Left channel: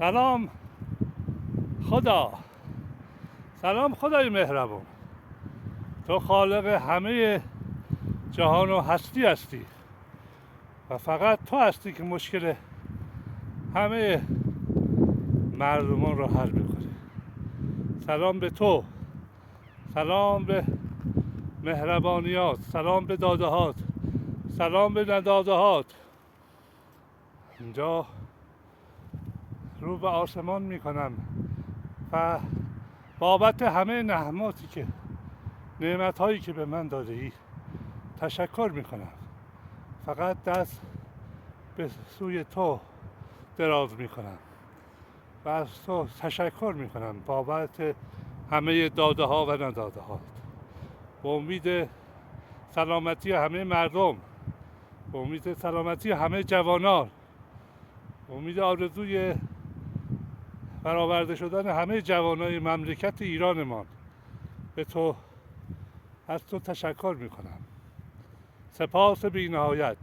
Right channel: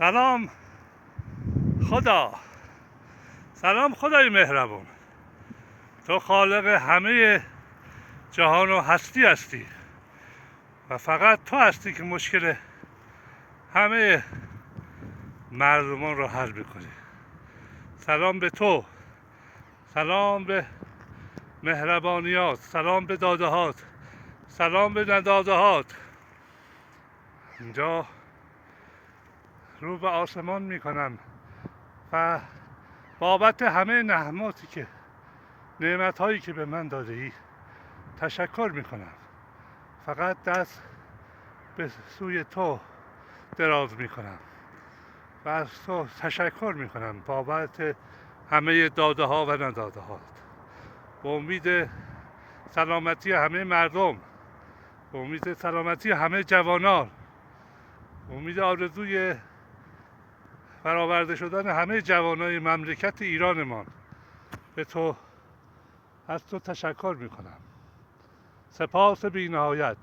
سلام خدا، سلام خدای مهربون. تو خالق همه جهان و هستی هستی و فقط تو هستی که مشکل همه مردمان رو حل میکنی. سلام به تو، سلام به مهربانیات، سلام به دادهات، سلام به ندادهات. اینجا رو به آسمان میکنم و بابت همه نعماتی که نعمت هایی که به من داده ای تشکر میکنم. فقط دست به سوی تو دراز میکنم و از تو تشکر میکنم بابت همه داده ها و نداده ها. به امید سلامتی همه مردم، به امید سلامتی همه جوانان، به امید آرزوی برآورده شدن همه جوانای مملکت ایرانمان، از تو تشکر میکنم. سپاس بی نهایت.